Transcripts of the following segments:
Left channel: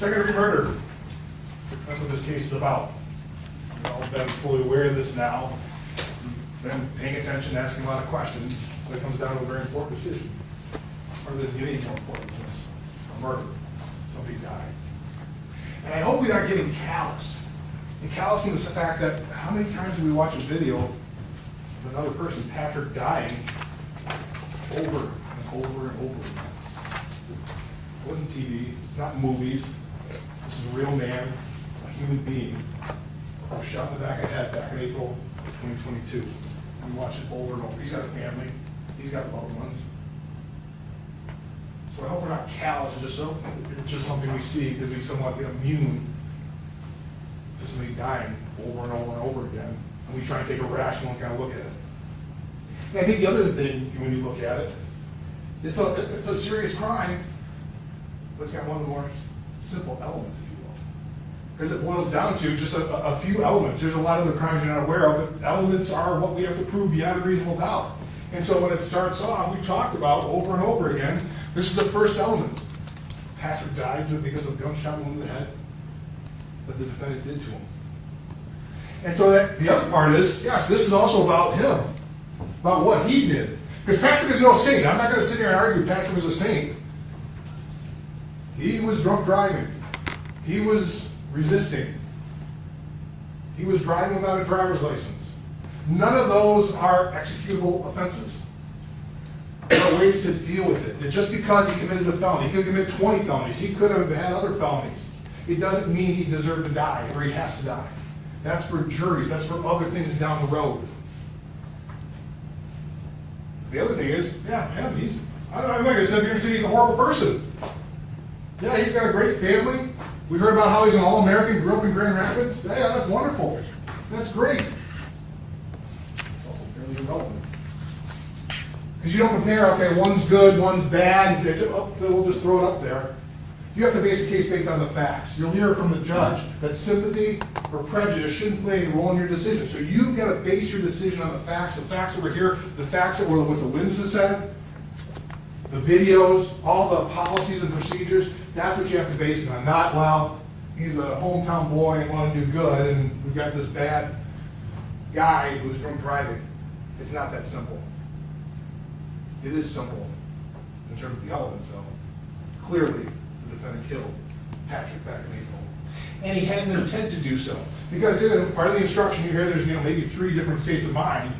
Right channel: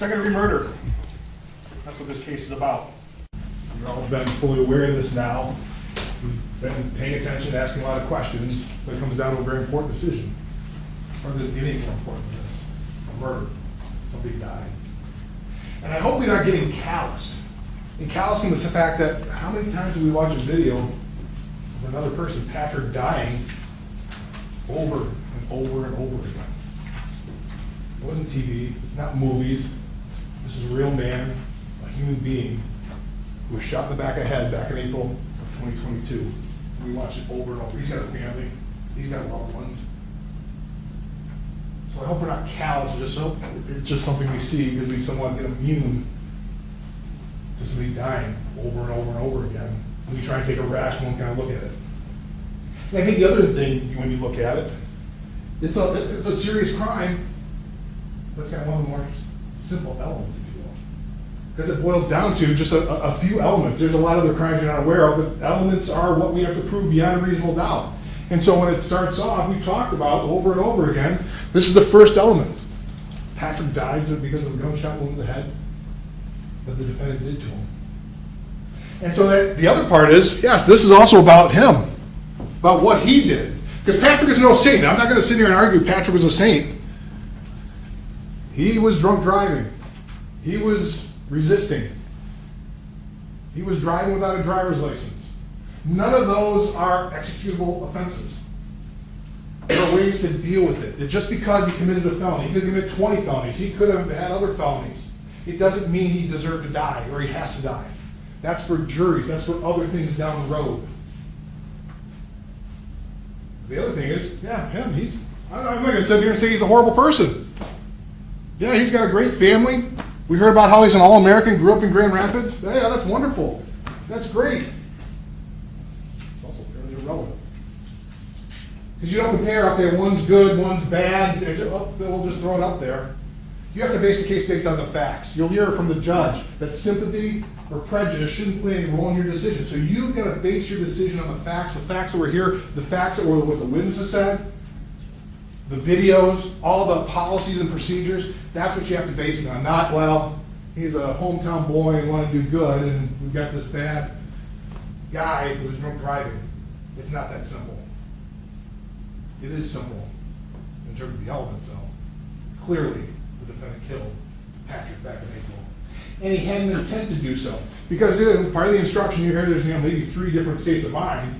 Second-degree murder. That's what this case is about. We've all been fully aware of this now. We've been paying attention, asking a lot of questions, but it comes down to a very important decision. Or does it get any more important than this? A murder. Somebody died. And I hope we're not getting callous. And callousing is the fact that how many times do we watch a video of another person, Patrick, dying over and over and over again? It wasn't TV, it's not movies. This is a real man, a human being, who was shot in the back of the head back in April of 2022. We watch it over and over. He's got a family, he's got loved ones. So I hope we're not callous, it's just something we see because we somewhat get immune to somebody dying over and over and over again. And we try and take a rational kind of look at it. And I think the other thing, when you look at it, it's a serious crime, but it's got one of the more simple elements, if you will. Because it boils down to just a few elements. There's a lot of other crimes you're not aware of, but elements are what we have to prove beyond a reasonable doubt. And so when it starts off, we talked about over and over again, this is the first element. Patrick died because of a gunshot wound to the head that the defendant did to him. And so that the other part is, yes, this is also about him, about what he did. Because Patrick is no saint. Now, I'm not going to sit here and argue Patrick was a saint. He was drunk driving. He was resisting. He was driving without a driver's license. None of those are executable offenses. There are ways to deal with it. That just because he committed a felony, he could commit 20 felonies. He could have had other felonies. It doesn't mean he deserved to die or he has to die. That's for juries. That's for other things down the road. The other thing is, yeah, I'm not going to sit here and say he's a horrible person. Yeah, he's got a great family. We heard about how he's an All-American, grew up in Grand Rapids. Yeah, that's wonderful. That's great. It's also fairly irrelevant. Because you don't compare, okay, one's good, one's bad, they'll just throw it up there. You have to base the case based on the facts. You'll hear from the judge that sympathy or prejudice shouldn't play any role in your decision. So you've got to base your decision on the facts that were here, the facts that were what the witnesses said, the videos, all the policies and procedures. That's what you have to base it on. Not, well, he's a hometown boy and want to do good, and we've got this bad guy who's drunk driving. It's not that simple. It is simple in terms of the elements, though. Clearly, the defendant killed Patrick back in April. And he had an intent to do so. Because part of the instruction you hear, there's maybe 3 different states of mind,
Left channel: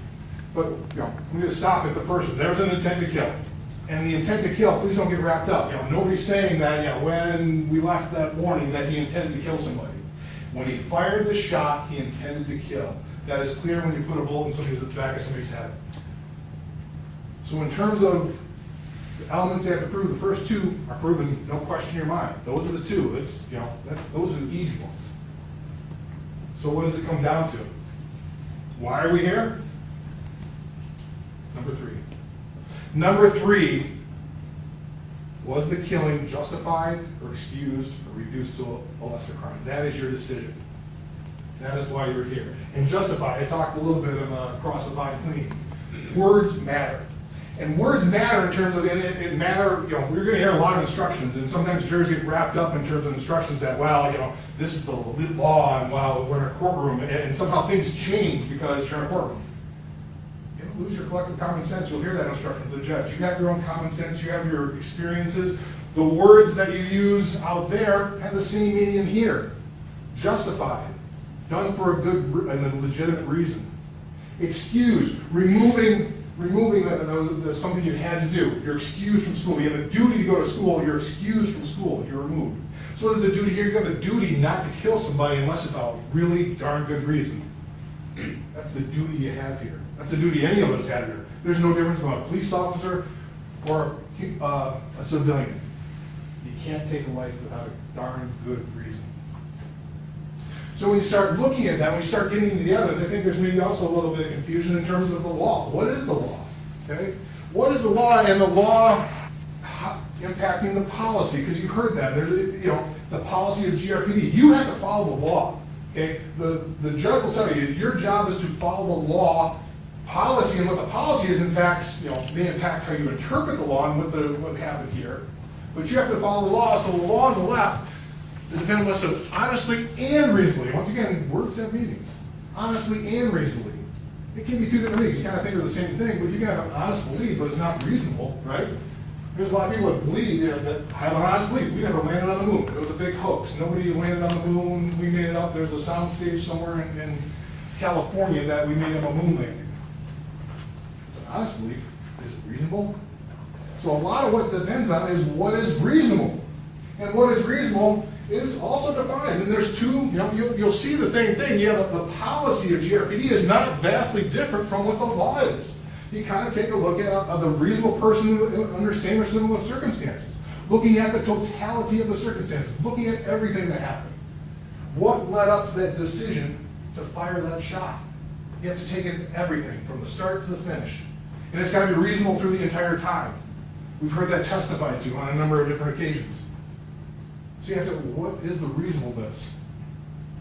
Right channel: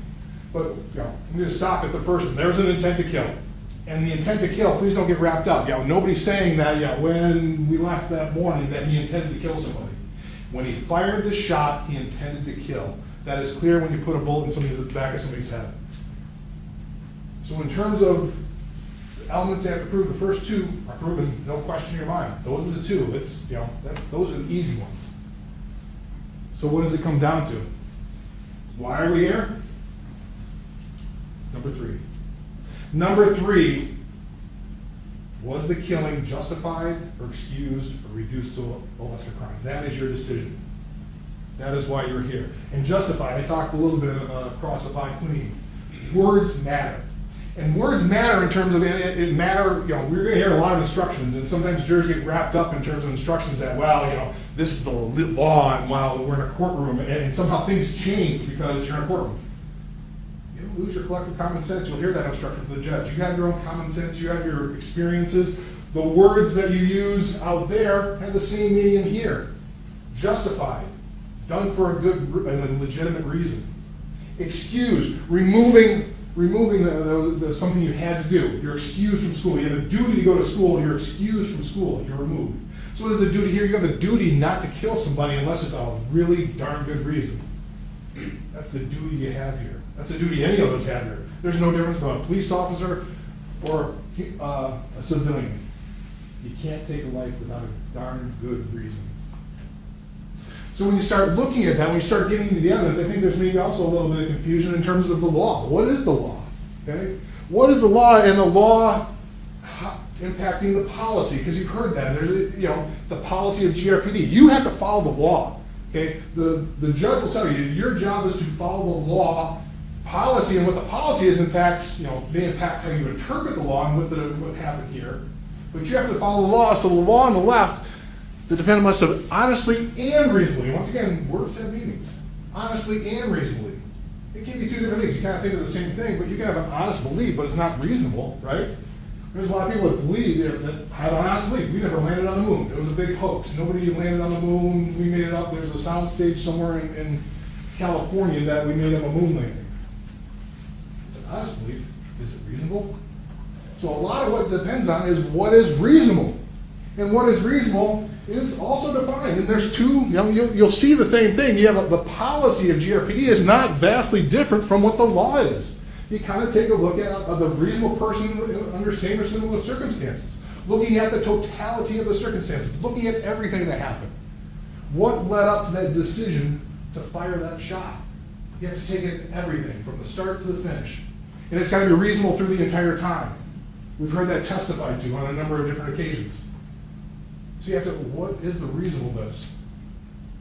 but I'm going to stop at the first one. There was an intent to kill. And the intent to kill, please don't get wrapped up. Nobody's saying that when we left that morning that he intended to kill somebody. When he fired the shot, he intended to kill. That is clear when you put a bullet in somebody's back of somebody's head. So in terms of the elements they have to prove, the first 2 are proven, no question in your mind. Those are the 2. Those are the easy ones. So what does it come down to? Why are we here? Number 3. Number 3, was the killing justified or excused or reduced to a lesser crime? That is your decision. That is why you're here. And justified, I talked a little bit of cross the line clean. Words matter. And words matter in terms of, it matter, we're going to hear a lot of instructions, and sometimes jurors get wrapped up in terms of instructions that, this is the law, and we're in a courtroom, and somehow things change because you're in a courtroom. You don't lose your collective common sense. You'll hear that instruction from the judge. You have your own common sense. You have your experiences. The words that you use out there have the same meaning here. Justified. Done for a good and a legitimate reason. Excused. Removing something you had to do. You're excused from school. You have a duty to go to school. You're excused from school. You're removed. So what is the duty here? You have a duty not to kill somebody unless it's a really darn good reason. That's the duty you have here. That's the duty any of us have here. There's no difference between a police officer or a civilian. You can't take a life without a darn good reason. So when you start looking at that, when you start getting into the evidence, I think there's maybe also a little bit of confusion in terms of the law. What is the law? Okay? What is the law, and the law impacting the policy? Because you've heard that. There's, the policy of GRPD. You have to follow the law. Okay? The judge will tell you, your job is to follow the law policy, and what the policy is, in fact, may impact how you interpret the law and what happened here. But you have to follow the law. So the law on the left The defendant must have honestly and reasonably, once again, words have meanings, honestly and reasonably. It can be two different things. You kind of think of the same thing, but you can have an honest belief, but it's not reasonable, right? There's a lot of people that believe that have an honest belief. We never landed on the moon. It was a big hoax. Nobody landed on the moon. We made it up. There's a sound stage somewhere in California that we made up a moon landing. It's an honest belief. Is it reasonable? So a lot of what depends on is what is reasonable. And what is reasonable is also defined. And there's two, you'll see the same thing. You have the policy of GRPD is not vastly different from what the law is. You kind of take a look at the reasonable person under same or similar circumstances, looking at the totality of the circumstances, looking at everything that happened. What led up to that decision to fire that shot? You have to take in everything from the start to the finish. And it's got to be reasonable through the entire time. We've heard that testified to on a number of different occasions. So you have to, what is the reasonableness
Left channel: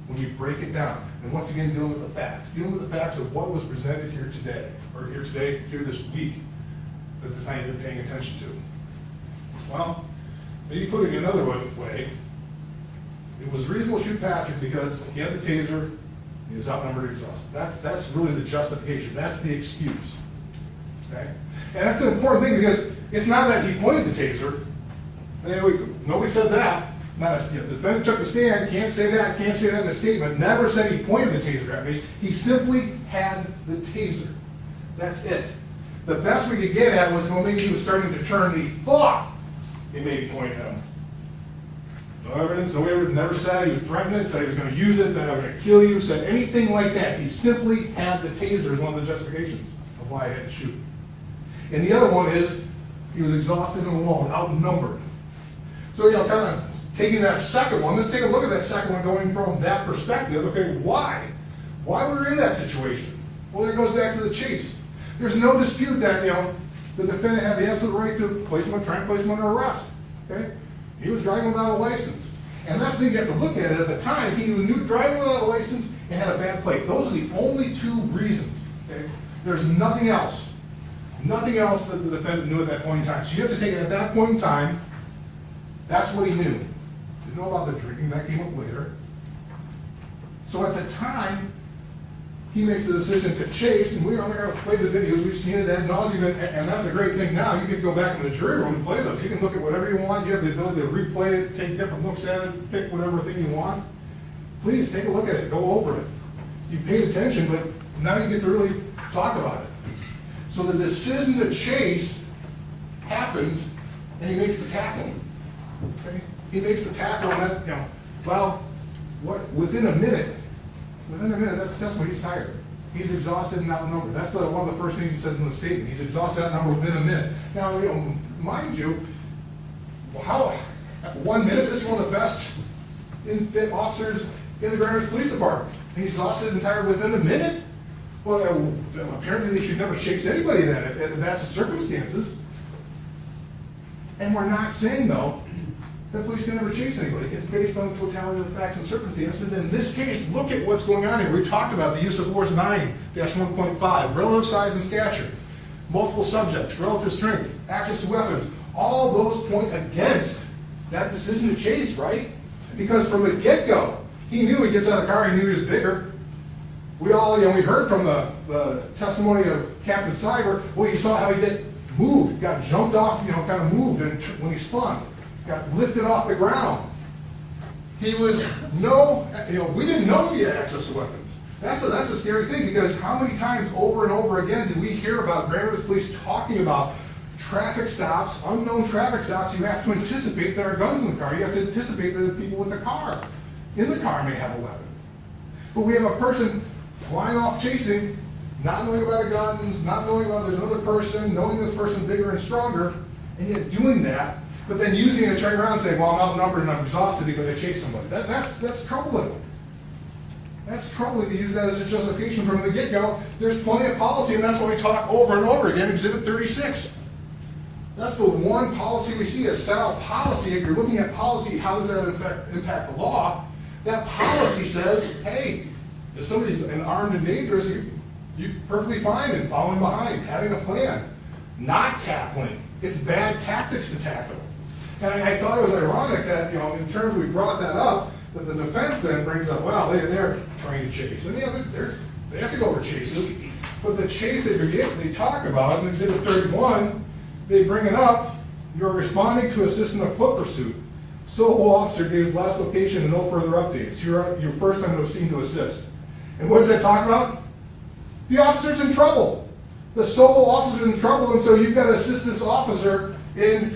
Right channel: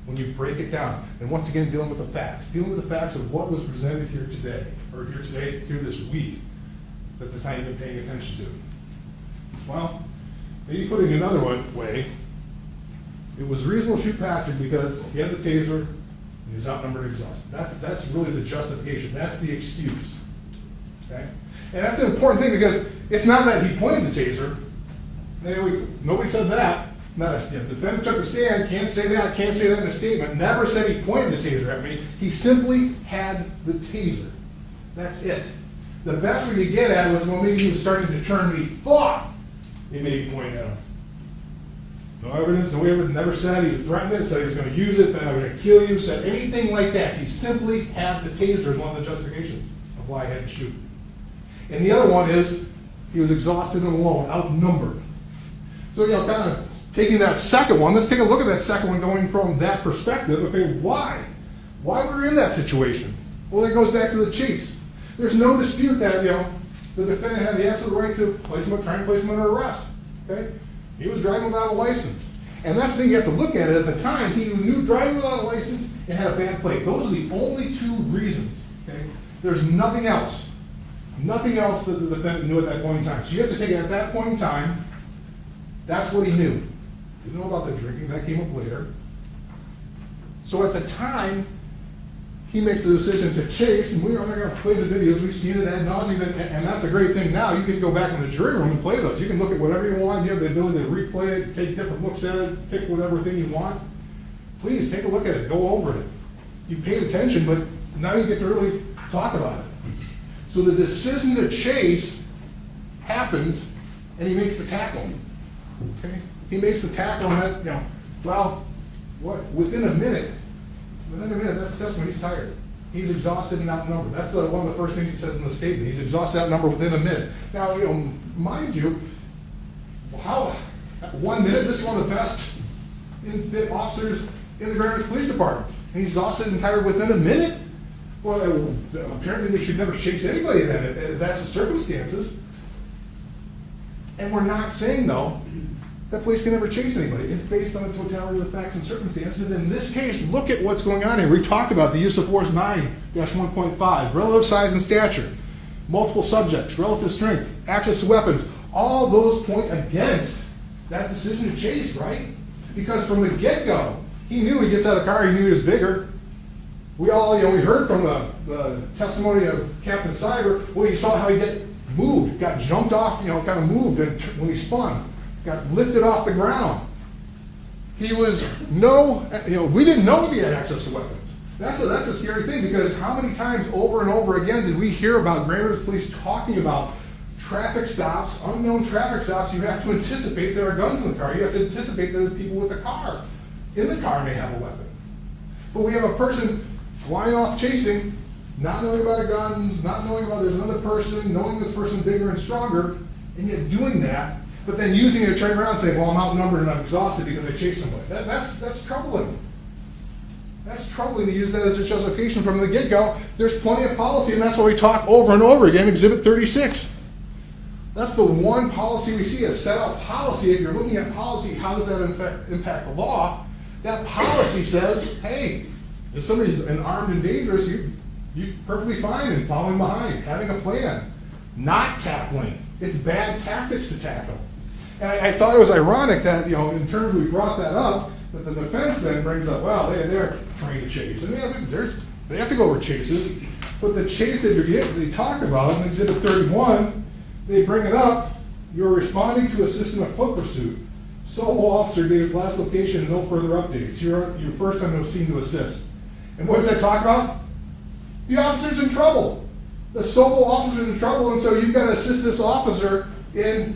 when you break it down? And once again, dealing with the facts of what was presented here today, or here this week, that the time you've been paying attention to. Well, maybe putting it another way, it was reasonable to shoot Patrick because he had the taser, he was outnumbered and exhausted. That's really the justification. That's the excuse. Okay? And that's an important thing because it's not that he pointed the taser. Nobody said that. The defendant took the stand, can't say that in a statement, never said he pointed the taser at me. He simply had the taser. That's it. The best we could get at was, well, maybe he was starting to turn and he thought he maybe pointed at him. No evidence, never said he threatened it, said he was going to use it, that I was going to kill you, said anything like that. He simply had the taser as one of the justifications of why I had to shoot. And the other one is, he was exhausted and alone, outnumbered. So, kind of taking that second one, let's take a look at that second one going from that perspective. Okay, why? Why were we in that situation? Well, that goes back to the chase. There's no dispute that, the defendant had the absolute right to try and place him under arrest. Okay? He was driving without a license. And that's the thing you have to look at it. At the time, he knew driving without a license and had a bad plate. Those are the only two reasons. Okay? There's nothing else. Nothing else that the defendant knew at that point in time. So you have to take it at that point in time, that's what he knew. Didn't know about the drinking, that came up later. So at the time, he makes the decision to chase, and I'm not going to play the videos, we've seen it ad nauseum, and that's a great thing now. You can go back in the jury room and play those. You can look at whatever you want, you have the ability to replay it, take different looks at it, pick whatever thing you want. Please, take a look at it, go over it. You paid attention, but now you get to really talk about it. So the decision to chase happens, and he makes the tackle. Okay? He makes the tackle on that, within a minute, that's when he's tired. He's exhausted and outnumbered. That's one of the first things he says in the statement. He's exhausted and outnumbered within a minute. Now, mind you, at 1 minute, this is one of the best fit officers in the Grand Rapids Police Department. And he's exhausted and tired within a minute? Well, apparently they should never chase anybody then, if that's the circumstances. And we're not saying, though, that police can never chase anybody. It's based on the totality of the facts and circumstances. And in this case, look at what's going on here. We talked about the use of force 9-1.5, relative size and stature, multiple subjects, relative strength, access to weapons. All those point against that decision to chase, right? Because from the get-go, he knew he gets out of the car, he knew he was bigger. We all, we heard from the testimony of Captain Cyber, well, you saw how he moved, got jumped off, kind of moved when he spun. Got lifted off the ground. He was we didn't know if he had access to weapons. That's a scary thing because how many times over and over again did we hear about Grand Rapids Police talking about traffic stops, unknown traffic stops? You have to anticipate there are guns in the car. You have to anticipate that the people with the car in the car may have a weapon. But we have a person flying off chasing, not knowing about the guns, not knowing about there's another person, knowing that the person's bigger and stronger, and yet doing that. But then using it to turn around and say, well, I'm outnumbered and I'm exhausted because I chased somebody. That's troubling. That's troubling to use that as a justification from the get-go. There's plenty of policy, and that's why we talk over and over again, Exhibit 36. That's the one policy we see, a set out policy. If you're looking at policy, how does that impact the law? That policy says, hey, if somebody's armed and dangerous, you're perfectly fine in following behind, having a plan, not tackling. It's bad tactics to tackle. And I thought it was ironic that, in terms we brought that up, that the defense then brings up, well, they're trying to chase. And they have to go over chases, but the chase that they talk about in Exhibit 31, they bring it up, you're responding to assist in a foot pursuit. Solo officer gave his last location and no further updates. You're first on the scene to assist. And what does that talk about? The officer's in trouble. The solo officer's in trouble, and so you've got to assist this officer in,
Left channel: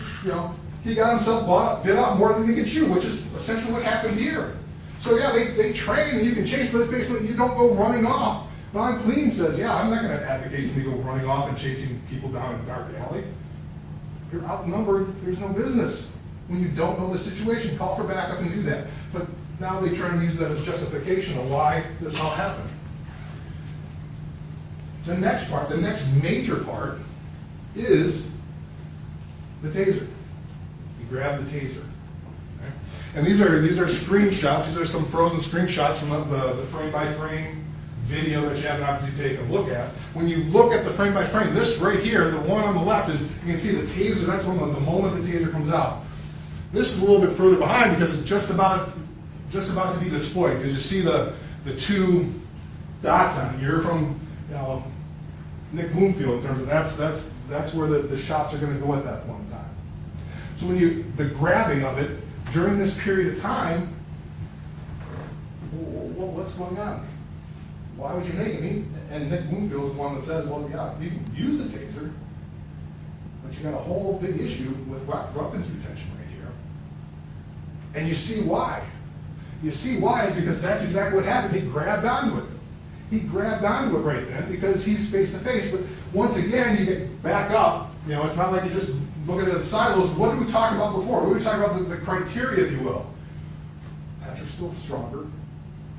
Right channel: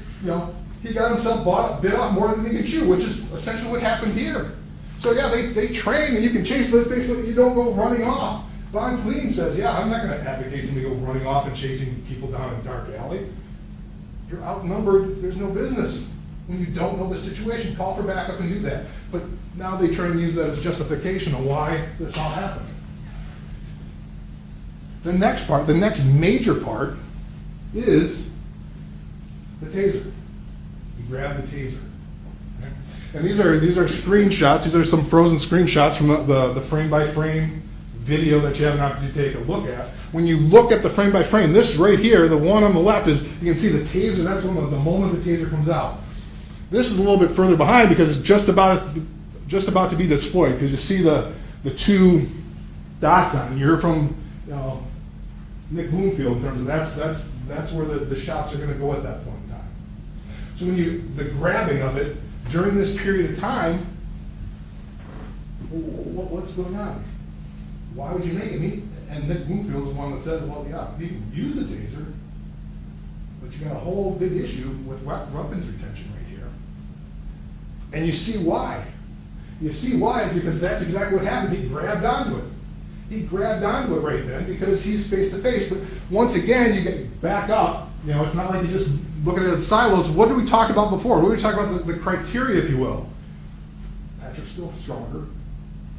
he got himself bit off more than he could chew, which is essentially what happened here. So yeah, they train and you can chase, but basically you don't go running off. Von Clean says, yeah, I'm not going to advocate somebody go running off and chasing people down a dark alley. You're outnumbered, there's no business. When you don't know the situation, call for backup and do that. But now they try and use that as justification of why this all happened. The next part, the next major part, is the taser. You grab the taser. Okay? And these are screenshots. These are some frozen screenshots from the frame-by-frame video that you have an opportunity to take a look at. When you look at the frame-by-frame, this right here, the one on the left, is you can see the taser. That's when the moment the taser comes out. This is a little bit further behind because it's just about to be deployed, because you see the two dots on it. You're from Nick Bloomfield in terms of that's where the shots are going to go at that point in time. So when the grabbing of it during this period of time, what's going on? Why would you make it? And Nick Bloomfield's the one that says, well, yeah, you can use a taser, but you got a whole big issue with weapons retention right here. And you see why. You see why is because that's exactly what happened. He grabbed onto it. He grabbed onto it right then because he's face to face. But once again, you get back up. It's not like you just look at it in silos. What did we talk about before? What did we talk about the criteria, if you will? Patrick's still stronger.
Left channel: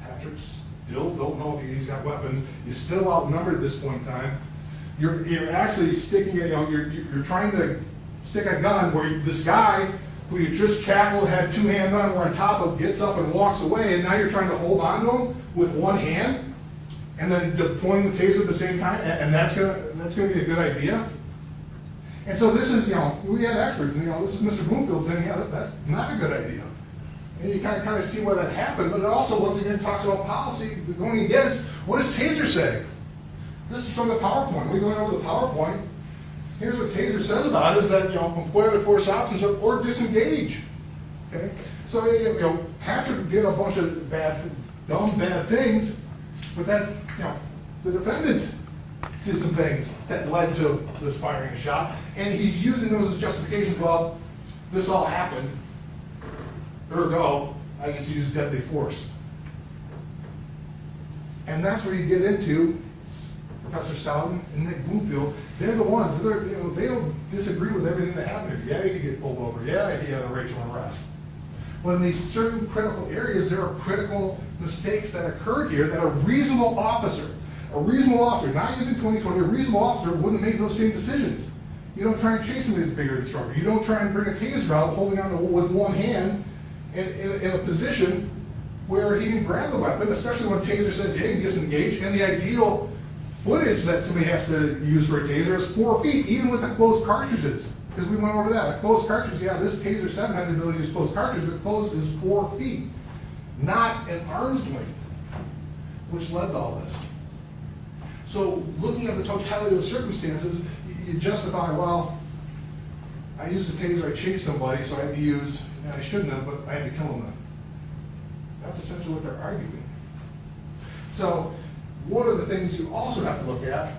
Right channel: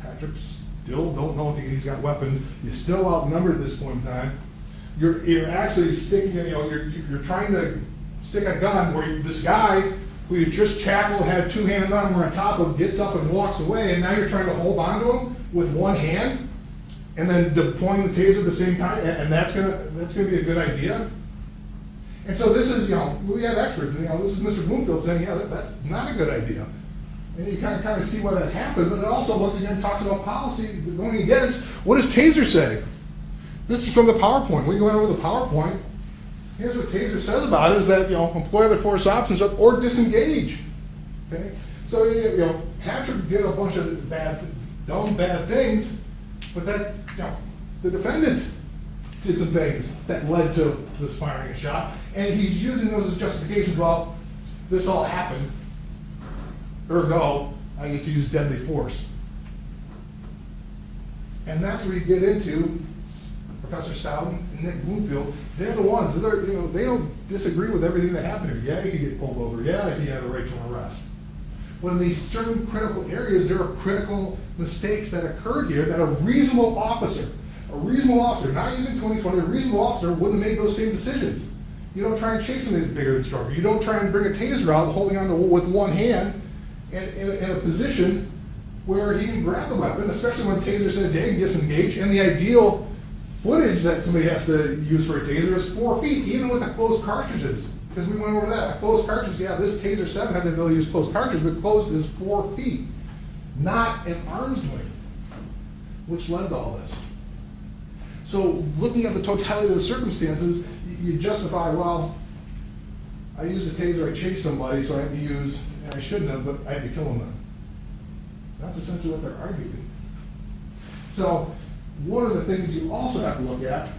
Patrick's still don't know if he's got weapons. You're still outnumbered at this point in time. You're actually sticking it. You're trying to stick a gun where this guy who you just tackled, had two hands on him, were on top of, gets up and walks away, and now you're trying to hold on to him with one hand, and then deploying the taser at the same time, and that's gonna be a good idea. And so this is, we have experts, and this is Mr. Bloomfield saying, yeah, that's not a good idea. And you kind of see why that happened, but it also, once again, talks about policy going against, what does taser say? This is from the PowerPoint. We go over the PowerPoint. Here's what taser says about it, is that, employ other force options or disengage. Okay? So, Patrick did a bunch of dumb, bad things, but that, the defendant did some things that led to this firing a shot, and he's using those as justifications. Well, this all happened, ergo, I get to use deadly force. And that's where you get into Professor Stoughton and Nick Bloomfield. They're the ones that are, they don't disagree with everything that happened here. Yeah, you get pulled over. Yeah, he had a right to arrest. When these certain critical areas, there are critical mistakes that occurred here that a reasonable officer, not using 2020, a reasonable officer wouldn't make those same decisions. You don't try and chase him as bigger instructor. You don't try and bring a taser out holding on to with one hand in a position where he can grab the weapon, especially when a taser says, yeah, you can disengage. And the ideal footage that somebody has to use for a taser is 4 feet, even with the closed cartridges. Because we went over that. A closed cartridge, yeah, this Taser 7 had the ability to use closed cartridge, but closed is 4 feet, not an arm's length, which led to all this. So looking at the totality of the circumstances, you justify, well, I used a taser, I chased somebody, so I had to use, I shouldn't have, but I had to kill him then. That's essentially what they're arguing. So one of the things you also have to look at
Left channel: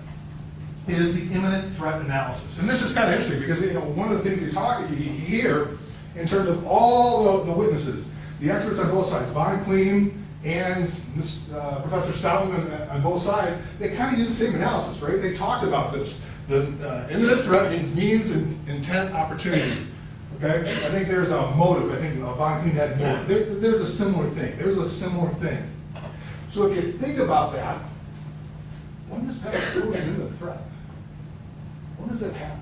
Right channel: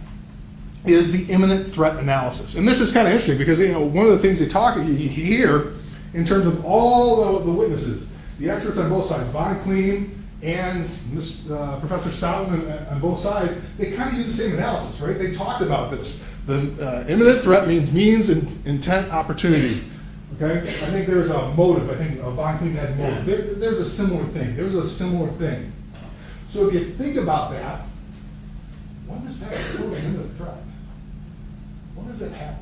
is the imminent threat analysis. And this is kind of interesting because, one of the things you hear in terms of all the witnesses, the experts on both sides, Von Clean and Professor Stoughton on both sides, they kind of use the same analysis, right? They talked about this. The imminent threat means intent, opportunity. Okay? I think there's a motive. I think Von Clean had motive. There's a similar thing. So if you think about that, when does Patrick do an imminent threat? When does that happen?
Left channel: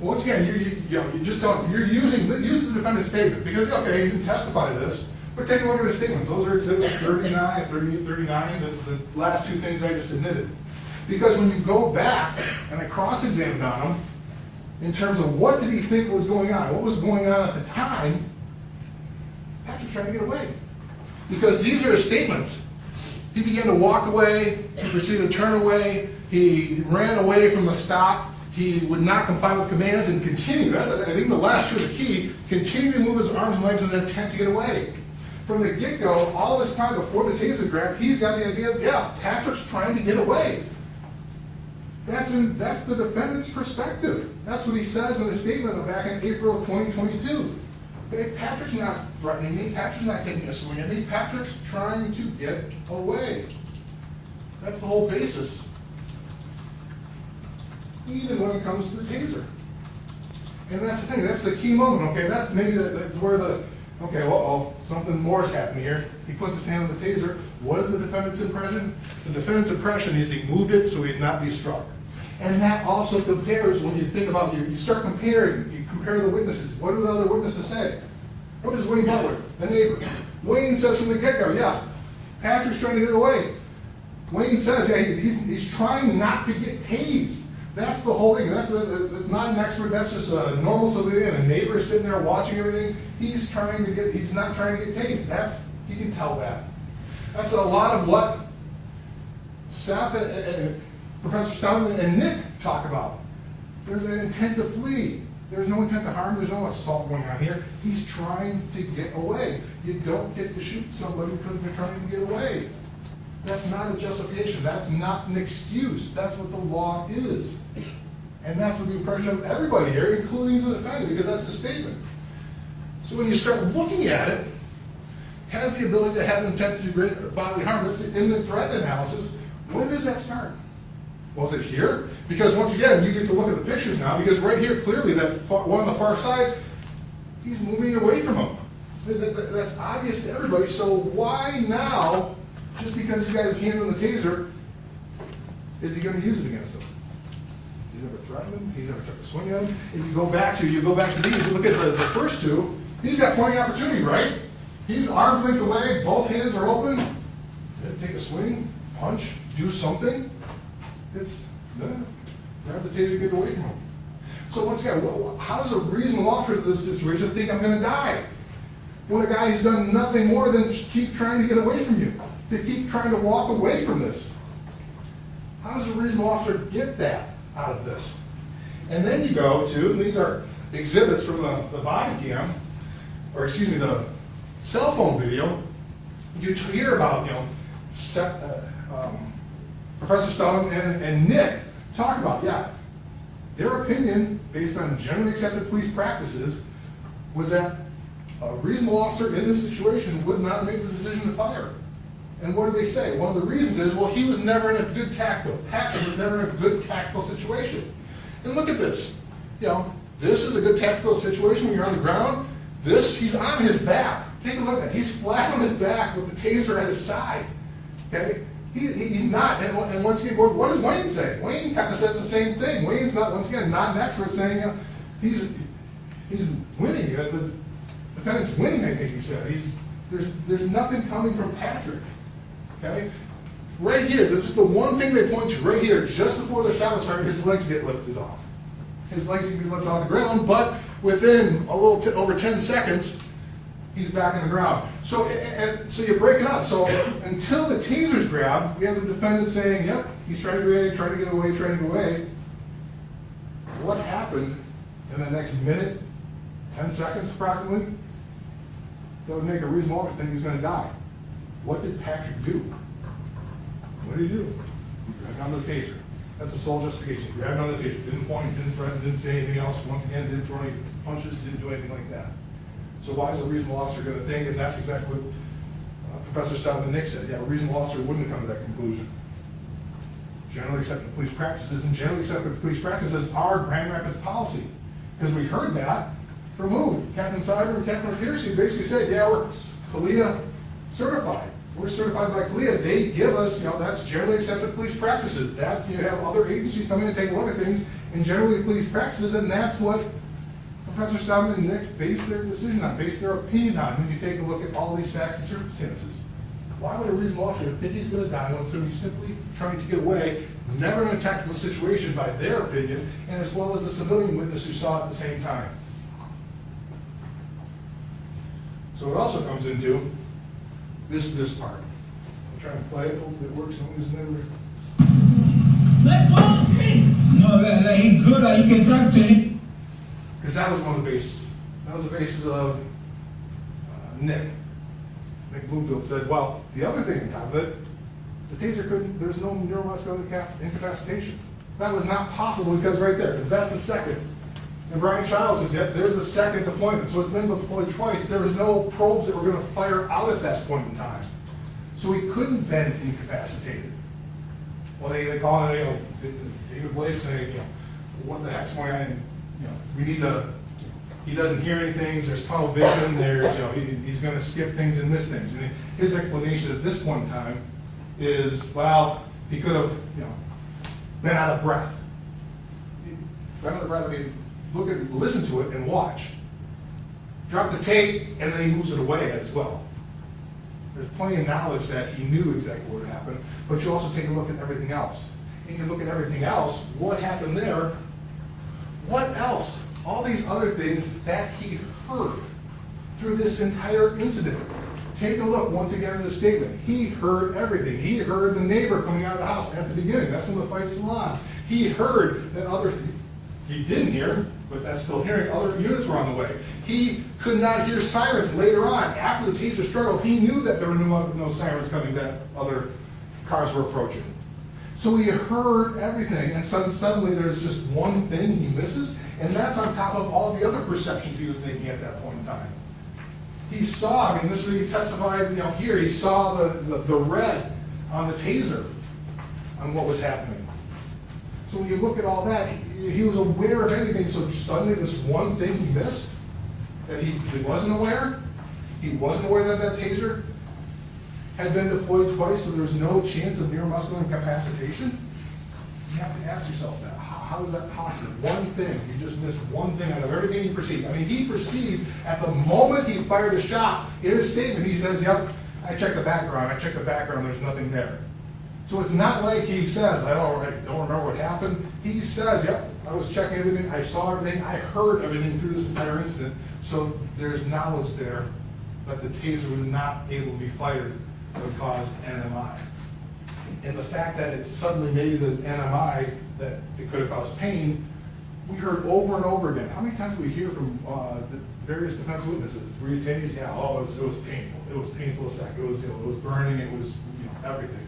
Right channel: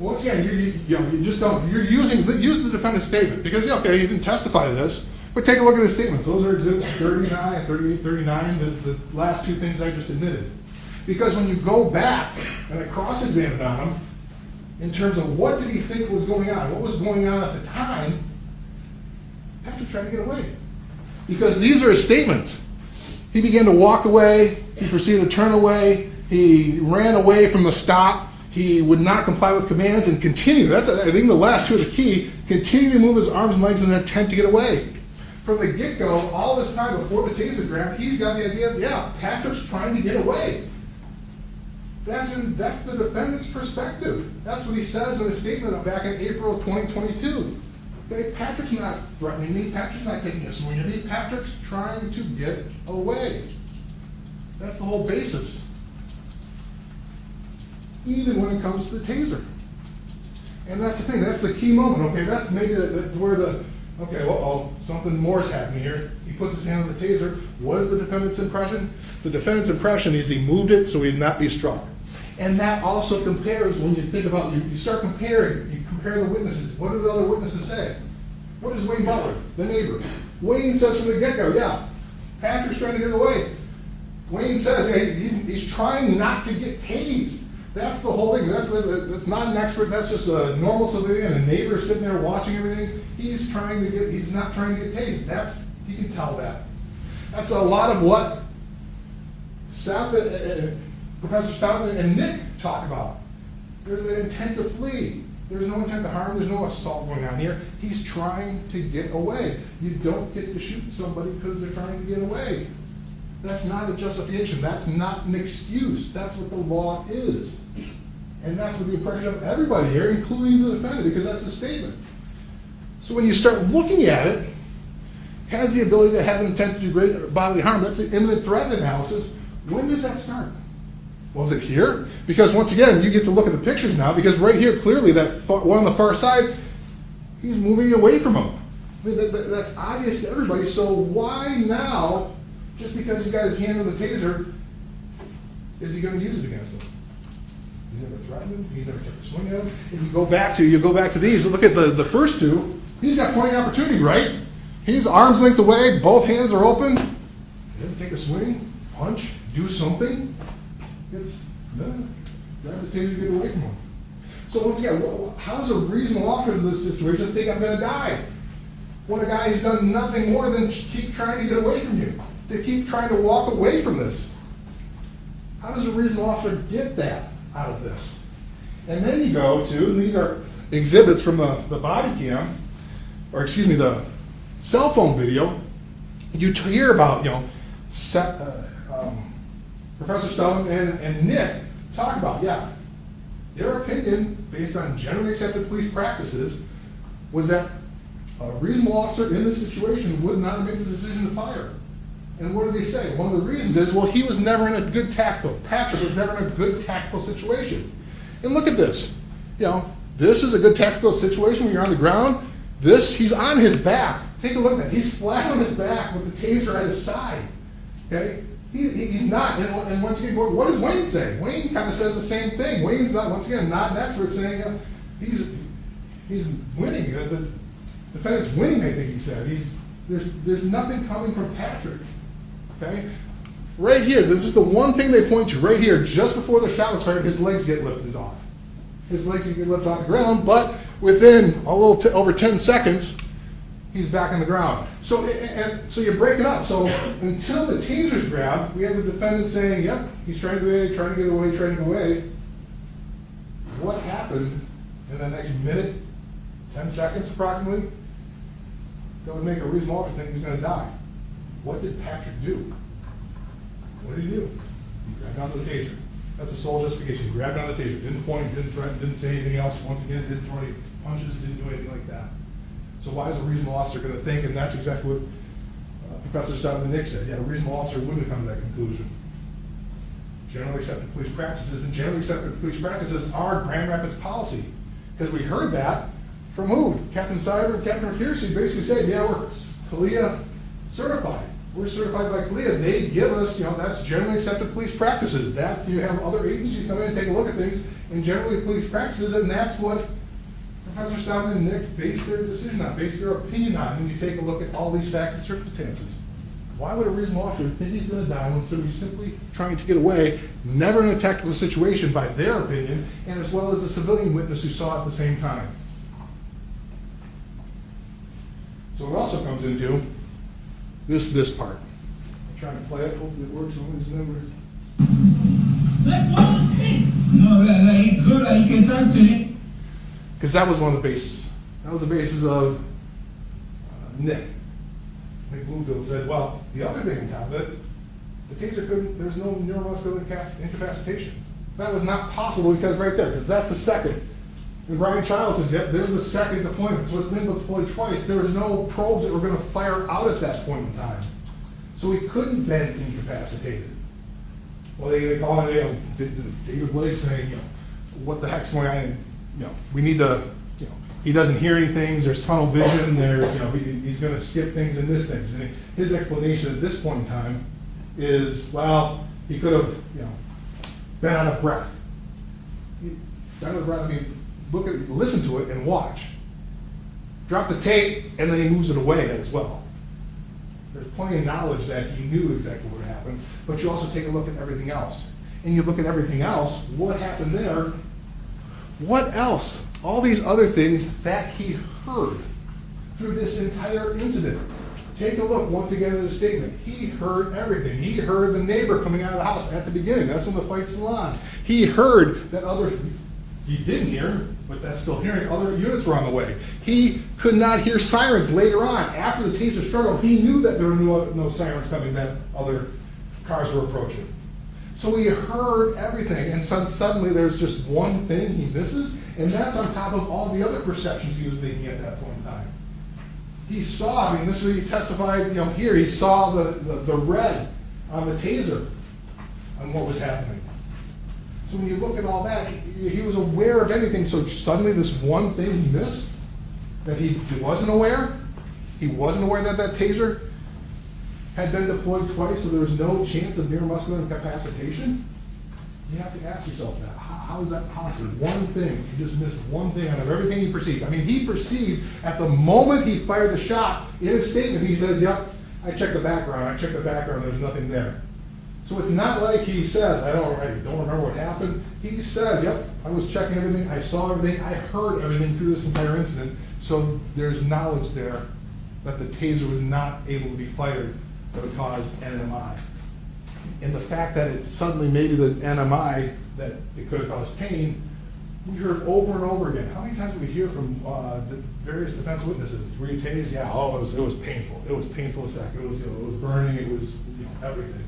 Well, once again, you just don't. Use the defendant's statement because okay, he didn't testify to this, but take a look at his statements. Those are exhibits 39, 38, 39. The last two things I just admitted. Because when you go back and I cross-examined on them, in terms of what did he think was going on. What was going on at the time, Patrick's trying to get away. Because these are his statements. He began to walk away, he proceeded to turn away, he ran away from the stop, he would not comply with commands and continue. That's, I think, the last two are the key. Continue to move his arms and legs in an attempt to get away. From the get-go, all this time before the taser grab, he's got the idea, yeah, Patrick's trying to get away. That's the defendant's perspective. That's what he says in a statement back in April of 2022. Okay, Patrick's not threatening me. Patrick's not taking a swing at me. Patrick's trying to get away. That's the whole basis. Even when it comes to the taser. And that's the thing. That's the key moment. Okay, that's maybe that's where the, okay, well, something more is happening here. He puts his hand on the taser. What is the defendant's impression? The defendant's impression is he moved it so he'd not be struck. And that also compares, when you think about, you start comparing, you compare the witnesses. What do the other witnesses say? What does Wayne Butler, the neighbor? Wayne says from the get-go, yeah, Patrick's trying to get away. Wayne says, yeah, he's trying not to get tased. That's the whole thing. That's not an expert, that's just a normal civilian, a neighbor sitting there watching everything. He's not trying to get tased. You can tell that. That's a lot of what Seth and Professor Stoughton and Nick talk about. There's an intent to flee. There's no intent to harm. There's no assault going on here. He's trying to get away. You don't get to shoot somebody because they're trying to get away. That's not a justification. That's not an excuse. That's what the law is. And that's what the impression of everybody here, including the defendant, because that's a statement. So when you start looking at it, has the ability to have an intent to do great bodily harm. That's the imminent threat analysis. When does that start? Was it here? Because once again, you get to look at the pictures now, because right here, clearly, that one on the far side, he's moving away from him. That's obvious to everybody. So why now, just because he's got his hand on the taser, is he going to use it against him? He's never threatened him. He's never tried to swing at him. And you go back to these. Look at the first two. He's got plenty of opportunity, right? He's arm's length away. Both hands are open. Take a swing, punch, do something. It's no, grab the taser, get away from him. So once again, how does a reasonable officer in this situation think I'm going to die? When a guy who's done nothing more than keep trying to get away from you, to keep trying to walk away from this. How does a reasonable officer get that out of this? And then you go to, and these are exhibits from the body cam, or excuse me, the cell phone video. You hear about, Professor Stone and Nick talk about, their opinion, based on generally accepted police practices, was that a reasonable officer in this situation would not make the decision to fire. And what do they say? One of the reasons is, well, he was never in a good Patrick was never in a good tactical situation. And look at this. This is a good tactical situation when you're on the ground. He's on his back. Take a look at it. He's flat on his back with the taser at his side. Okay? He's not. And once again, what does Wayne say? Wayne kind of says the same thing. Wayne's not, once again, not an expert, saying he's winning. The defendant's winning, I think he said. There's nothing coming from Patrick. Okay? Right here, this is the one thing they point to. Right here, just before the shot was fired, his legs get lifted off. His legs get lifted off the ground, but within a little over 10 seconds, he's back on the ground. So you break it up. So until the taser's grabbed, we have the defendant saying, yep, he's trying to get away. What happened in the next minute, 10 seconds approximately, that would make a reasonable officer think he's going to die? What did Patrick do? What did he do? He grabbed on the taser. That's the sole justification. He grabbed on the taser. Didn't point, didn't threaten, didn't say anything else. Once again, didn't throw any punches, didn't do anything like that. So why is a reasonable officer going to think that that's exactly what Professor Stoughton and Nick said? Yeah, a reasonable officer wouldn't have come to that conclusion. Generally accepted police practices, and generally accepted police practices are Grand Rapids policy. Because we heard that from who? Captain Cyber and Captain Pierce, who basically said, yeah, we're CALEA certified. We're certified by CALEA. They give us, that's generally accepted police practices. That's, you have other agencies come in and take a look at things, and generally police practices, and that's what Professor Stoughton and Nick base their decision on, base their opinion on, when you take a look at all these facts and circumstances. Why would a reasonable officer think he's going to die when somebody's simply trying to get away, never in a tactical situation by their opinion, and as well as the civilian witness who saw it at the same time? So it also comes into this part. I'm trying to play it, hopefully it works. Let go, King. No, that ain't good. You can't talk to him. Because that was one of the bases. That was the basis of Nick Bloomfield said, well, the other thing on top of it, the taser couldn't, there was no neuromuscular incapacitation. That was not possible because right there, because that's the second. And Brian Child says, yep, there's the second deployment. So it's been deployed twice. There was no probes that were going to fire out at that point in time. So he couldn't have been incapacitated. Well, they call it, David Blake saying, what the heck's going on? And, we need to, he doesn't hear anything, there's tunnel vision, there's, he's going to skip things and miss things. And his explanation at this point in time is, well, he could have, been out of breath. Been out of breath, I mean, listen to it and watch. Drop the tape, and then he moves it away as well. There's plenty of knowledge that he knew exactly what happened, but you also take a look at everything else. And you look at everything else, what happened there, what else? All these other things that he heard through this entire incident. Take a look once again at his statement. He heard everything. He heard the neighbor coming out of the house at the beginning. That's when the fight's still on. He heard that he didn't hear him, but that's still hearing, other units were on the way. He could not hear sirens later on. After the taser struggle, he knew that there were no sirens coming, that other cars were approaching. So he heard everything, and suddenly there's just one thing he misses, and that's on top of all the other perceptions he was making at that point in time. He saw, I mean, this is, he testified, here, he saw the red on the taser on what was happening. So when you look at all that, he was aware of anything, so suddenly this one thing he missed, that he wasn't aware that that taser had been deployed twice, so there's no chance of neuromuscular incapacitation. You have to ask yourself that. How is that possible? One thing, you just missed one thing out of everything he perceived. I mean, he perceived at the moment he fired the shot, in his statement, he says, yep, I checked the background, there's nothing there. So it's not like he says, I don't remember what happened. He says, yep, I was checking everything, I saw everything, I heard everything through this entire incident. So there's knowledge there that the taser was not able to be fired that would cause NMI. And the fact that it suddenly, maybe the NMI, that it could have caused pain, we heard over and over again. How many times did we hear from the various defense witnesses? Were you tased? Yeah, it was painful. It was painful as heck. It was burning, it was everything.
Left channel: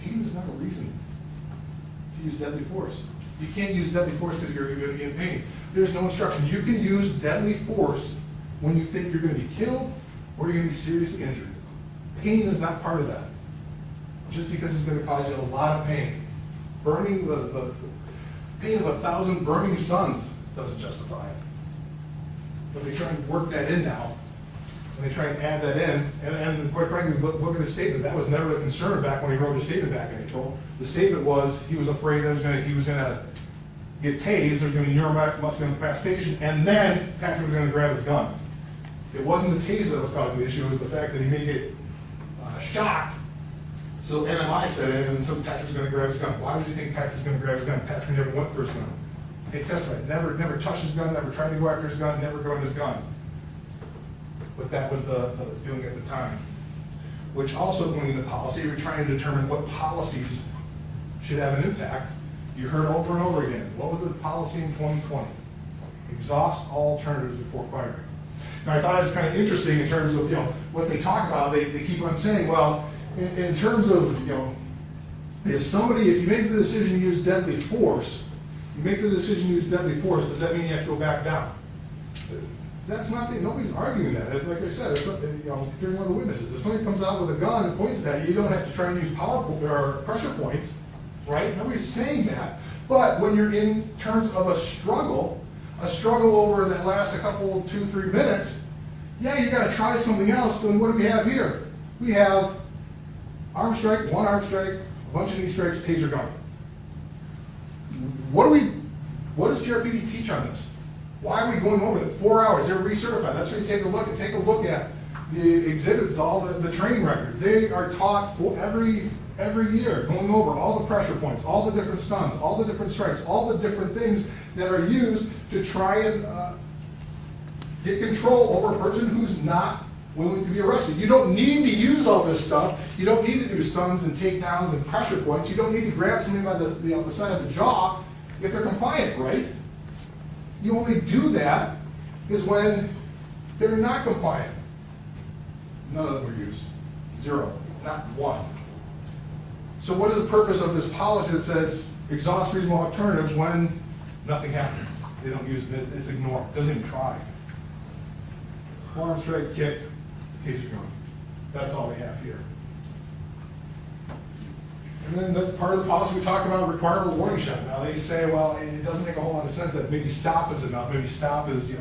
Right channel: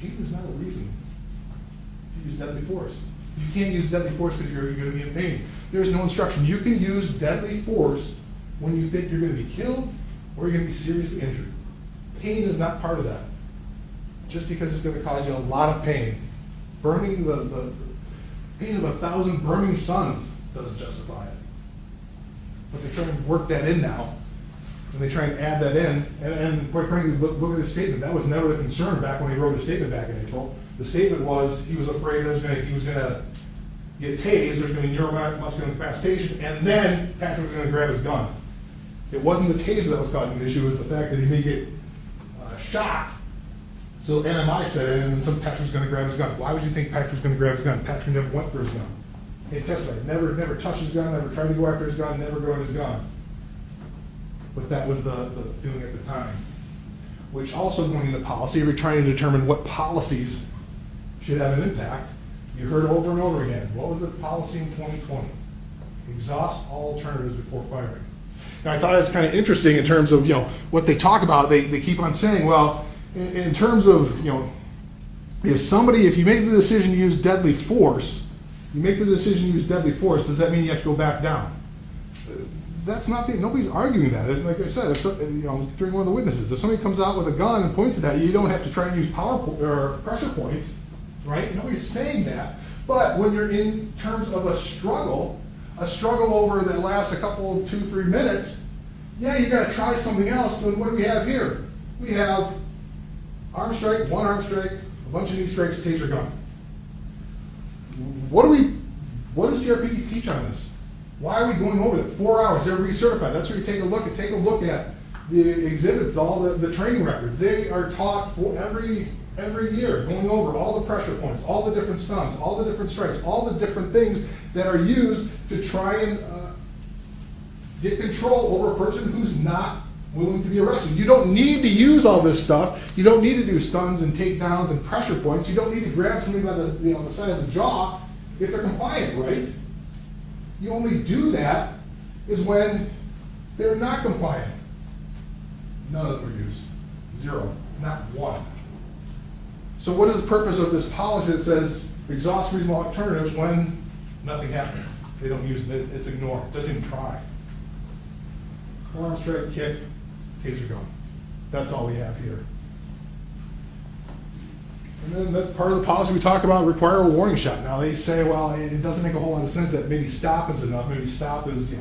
Pain is not a reason to use deadly force. You can't use deadly force because you're going to be in pain. There's no instruction. You can use deadly force when you think you're going to be killed or you're going to be seriously injured. Pain is not part of that. Just because it's going to cause you a lot of pain. Burning the pain of 1,000 burning suns doesn't justify it. But they try and work that in now. And they try and add that in. And quite frankly, look at his statement. That was never the concern back when he wrote his statement back in April. The statement was he was afraid that he was going to get tased, there's going to be neuromuscular incapacitation, and then Patrick was going to grab his gun. It wasn't the taser that was causing the issue, it was the fact that he may get shot. So NMI said it, and so Patrick's going to grab his gun. Why would you think Patrick's going to grab his gun? Patrick never went for his gun. They testified, never touched his gun, never tried to go after his gun, never grabbed his gun. But that was the feeling at the time. Which also going into policy, we're trying to determine what policies should have an impact. You heard over and over again, what was the policy in 2020? Exhaust all alternatives before firing. Now I thought that's kind of interesting in terms of what they talk about. They keep on saying, well, in terms of if you make the decision to use deadly force, does that mean you have to go back down? That's not nobody's arguing that. Like I said, during one of the witnesses, if somebody comes out with a gun and points it at you, you don't have to try and use pressure points, right? Nobody's saying that. But when you're in terms of a struggle over that lasts a couple, 2-3 minutes, yeah, you got to try something else. Then what do we have here? We have arm strike, one arm strike, a bunch of knee strikes, taser gun. What does JRPD teach on this? Why are we going over that? 4 hours, they're recertified. That's where you take a look at the exhibits, all the training records. They are taught for every year, going over all the pressure points, all the different stuns, all the different strikes, all the different things that are used to try and get control over a person who's not willing to be arrested. You don't need to use all this stuff. You don't need to do stuns and takedowns and pressure points. You don't need to grab somebody by the side of the jaw if they're compliant, right? You only do that is when they're not compliant. None of them are used. Zero. Not one. So what is the purpose of this policy that says exhaust reasonable alternatives when nothing happens? They don't use it. It's ignored. Doesn't even try. Arm strike, kick, taser gun. That's all we have here. And then that's part of the policy we talk about, require a warning shot. Now they say, well, it doesn't make a whole lot of sense that maybe stop is enough. Maybe stop is,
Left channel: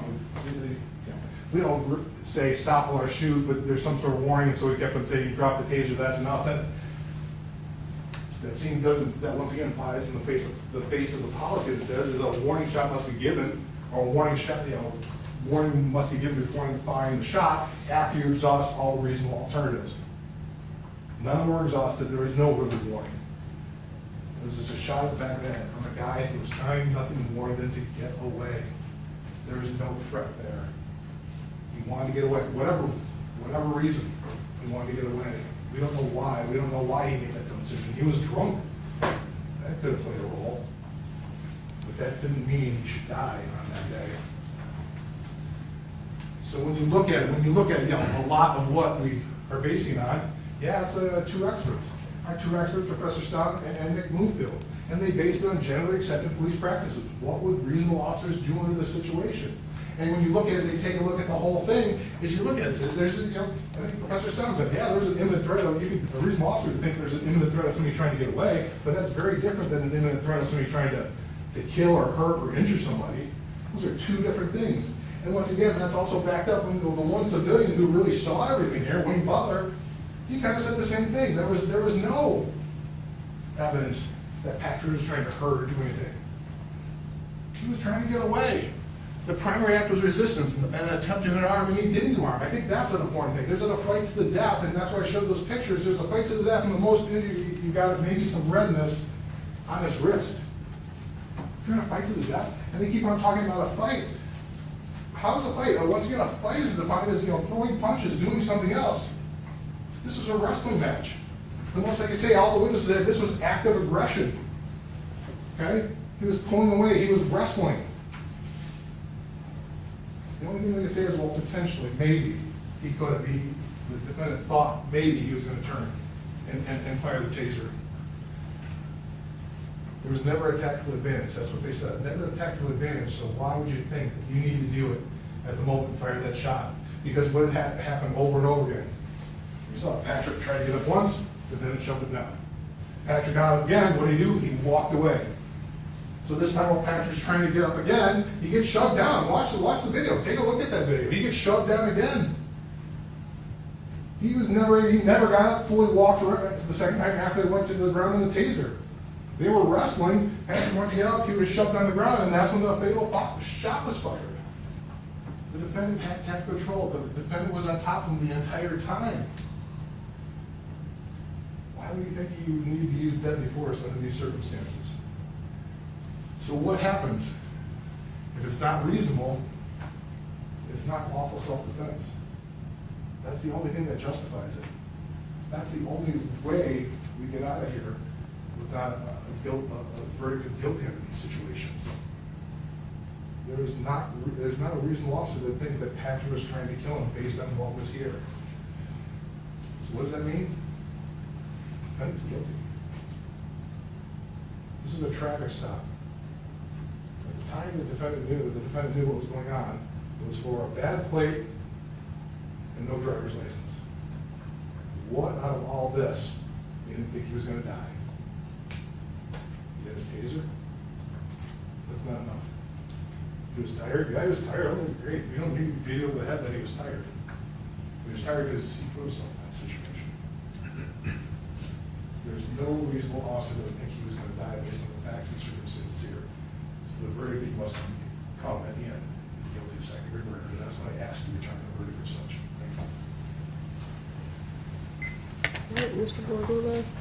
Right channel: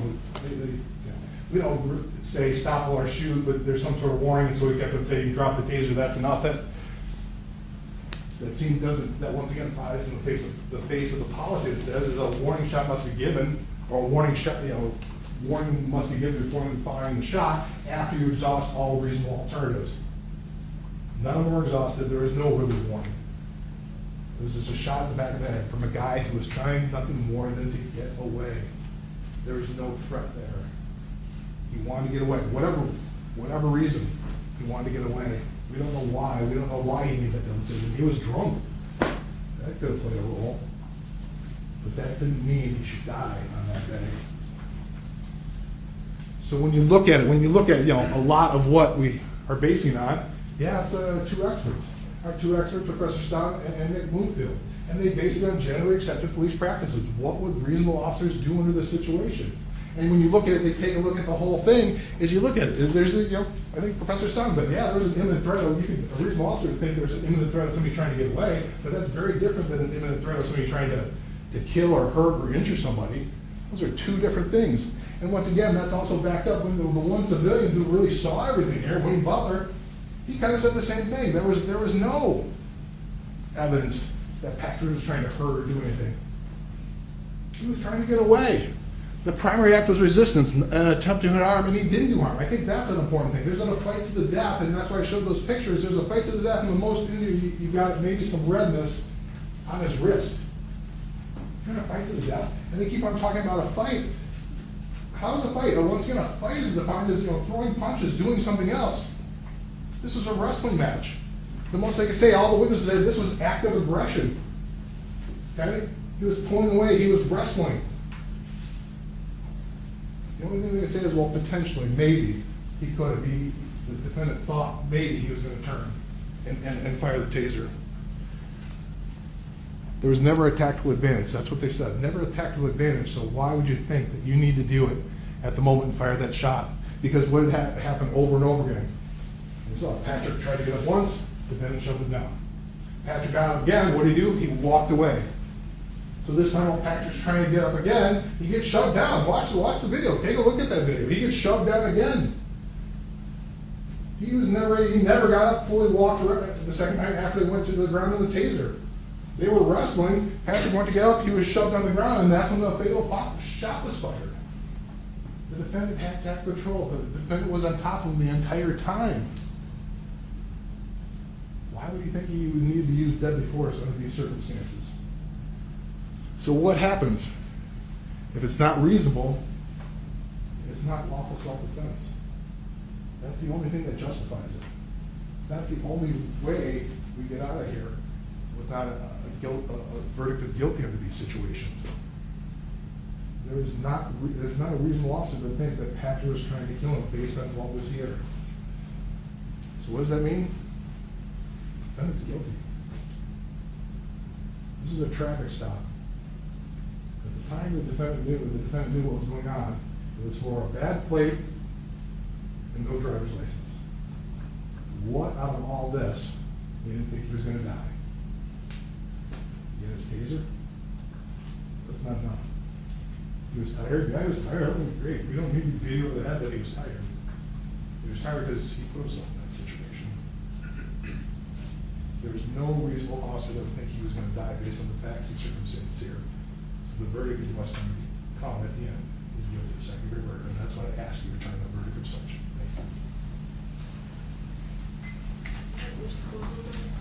we don't say stop or shoot, but there's some sort of warning, so we kept on saying, you drop the taser, that's enough. That scene doesn't, that once again flies in the face of the policy that says is a warning shot must be given, or a warning shot, warning must be given before firing the shot after you exhaust all reasonable alternatives. None of them were exhausted. There is no early warning. It was just a shot in the back of the head from a guy who was trying nothing more than to get away. There was no threat there. He wanted to get away. Whatever reason, he wanted to get away. We don't know why. We don't know why he made that decision. He was drunk. That could have played a role. But that didn't mean he should die on that day. So when you look at it, a lot of what we are basing on, it's two experts. Our two experts, Professor Stott and Nick Bloomfield. And they based it on generally accepted police practices. What would reasonable officers do under this situation? And when you look at it, they take a look at the whole thing. As you look at it, there's I think Professor Stott said, there's an imminent threat. A reasonable officer would think there's an imminent threat of somebody trying to get away, but that's very different than an imminent threat of somebody trying to kill or hurt or injure somebody. Those are two different things. And once again, that's also backed up when the one civilian who really saw everything here, Wayne Butler, he kind of said the same thing. There was no evidence that Patrick was trying to hurt or do anything. He was trying to get away. The primary act was resistance, an attempt to hit harm, and he didn't do harm. I think that's an important thing. There's a fight to the death, and that's why I showed those pictures. There's a fight to the death, and the most injured, you got maybe some redness on his wrist. You're going to fight to the death? And they keep on talking about a fight. How's a fight? Or once again, a fight is defined as throwing punches, doing something else. This was a wrestling match. The most I could say, all the witnesses said this was active aggression. Okay? He was pulling away. He was wrestling. The only thing we can say is, well, potentially, maybe, he could have been, the defendant thought maybe he was going to turn and fire the taser. There was never a tactical advantage. That's what they said. Never a tactical advantage. So why would you think that you need to do it at the moment and fire that shot? Because what had happened over and over again? We saw Patrick tried to get up once, defendant shoved it down. Patrick got up again. What did he do? He walked away. So this time when Patrick's trying to get up again, he gets shoved down. Watch the video. Take a look at that video. He gets shoved down again. He never got up, fully walked around the second time after they went to the ground on the taser. They were wrestling. Patrick went to get up. He was shoved on the ground, and that's when the fatal shot was fired. The defendant had tactical control. The defendant was on top of him the entire time. Why do you think you need to use deadly force under these circumstances? So what happens? If it's not reasonable, it's not lawful self-defense. That's the only thing that justifies it. That's the only way we get out of here without a verdict of guilty under these situations. There's not a reasonable officer that think that Patrick was trying to kill him based on what was here. So what does that mean? The defendant's guilty. This is a traffic stop. At the time the defendant knew what was going on. It was for a bad plate and no driver's license. What out of all this made him think he was going to die? He had his taser? That's not enough. He was tired? Yeah, he was tired. Everything was great. We don't need to beat over the head that he was tired. He was tired because he put himself in that situation. There was no reasonable officer that would think he was going to die based on the facts and circumstances here. So the verdict must come at the end. He's guilty of second-degree murder, and that's why I asked you to return the verdict of such. Thank you. Mr. Bordello?